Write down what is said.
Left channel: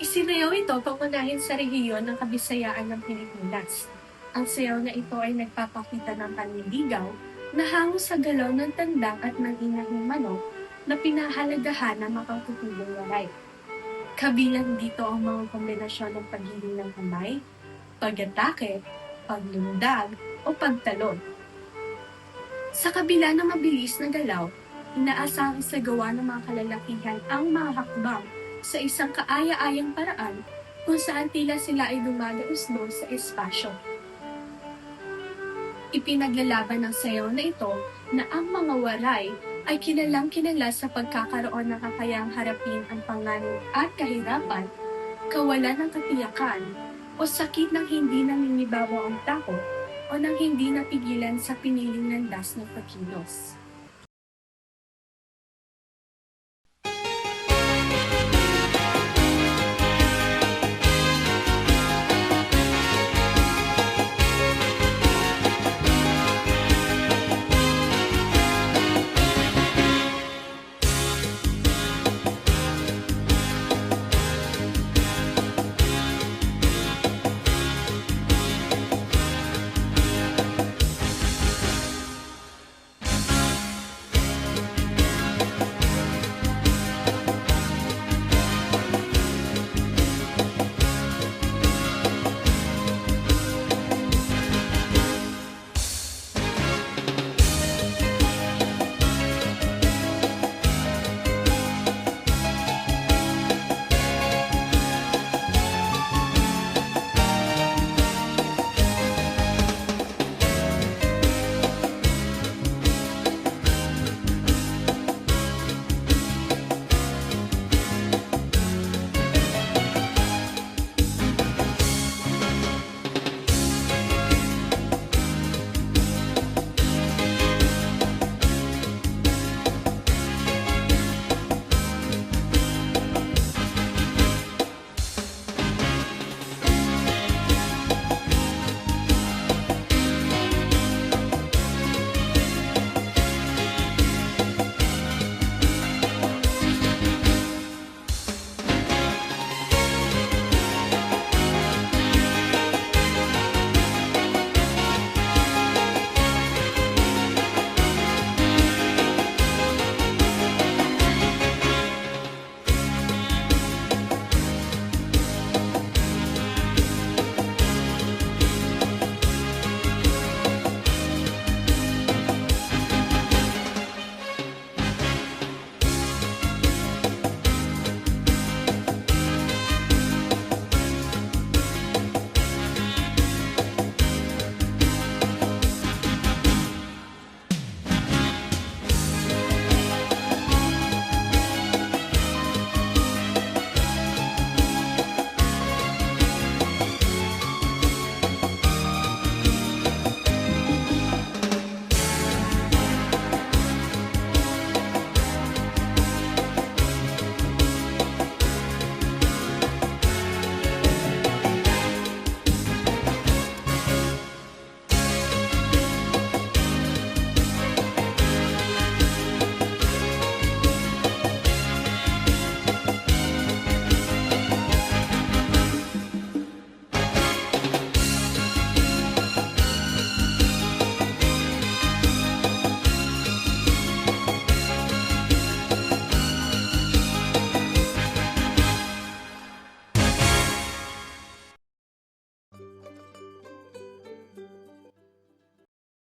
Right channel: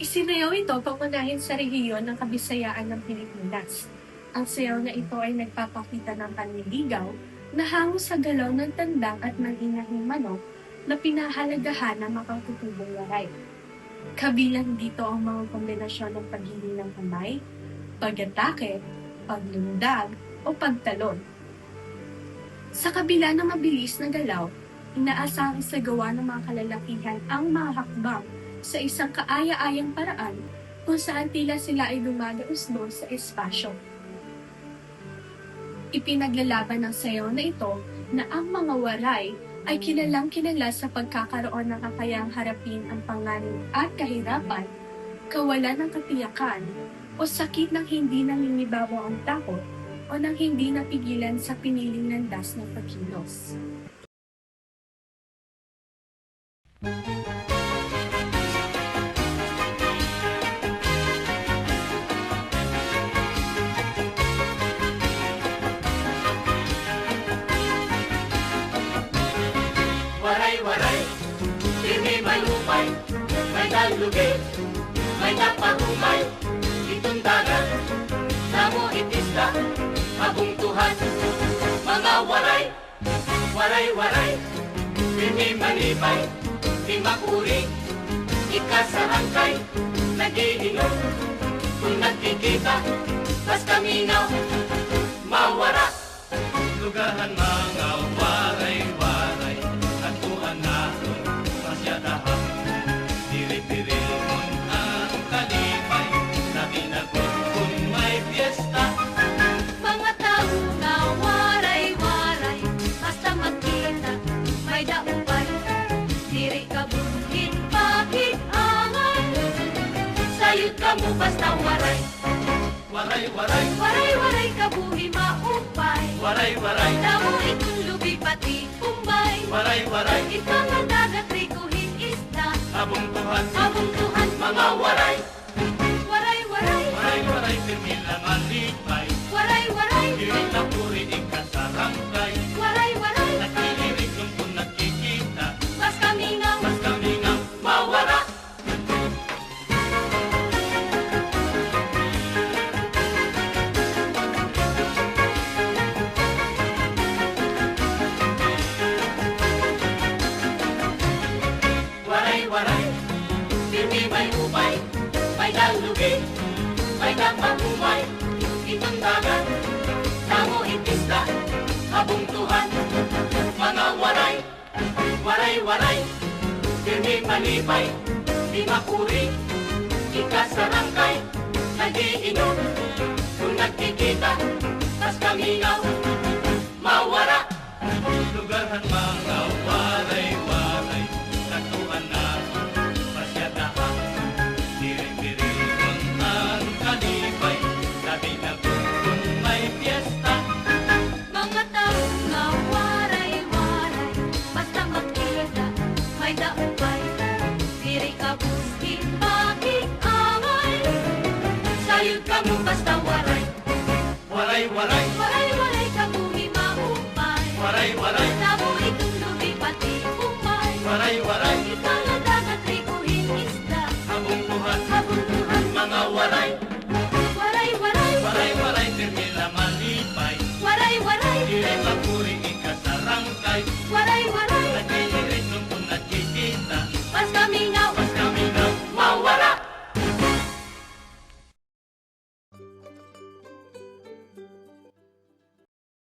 Isinayaw ito pangunahin sa rehiyon ng Kabisayaan ng Pilipinas. Ang sayaw na ito ay nagpapakita ng panliligaw na hango sa galaw ng tandang at manginahing manok na pinahalagahan ng makakutubong waray. Kabilang dito ang mga kombinasyon ng paghiling ng kamay, pag-atake, paglundag, o pagtalon. Sa kabila ng mabilis na galaw, inaasahang isagawa ng mga kalalakihan ang mga hakbang sa isang kaaya-ayang paraan kung saan tila sila ay dumadausdos sa espasyo. Ipinaglalaban ng sayaw na ito na ang mga waray ay kilalang-kilala sa pagkakaroon ng kakayahang harapin ang panganib at kahirapan, kawalan ng katiyakan, o sakit ng hindi nangingibabaw ang takot o nang hindi napigilan sa piniling landas ng pagkilos. Waray-waray, hindi malupay, may nalugit, may napahukay, itong dagat, namuhit isla, kabunduhan, mga waray, waray-waray.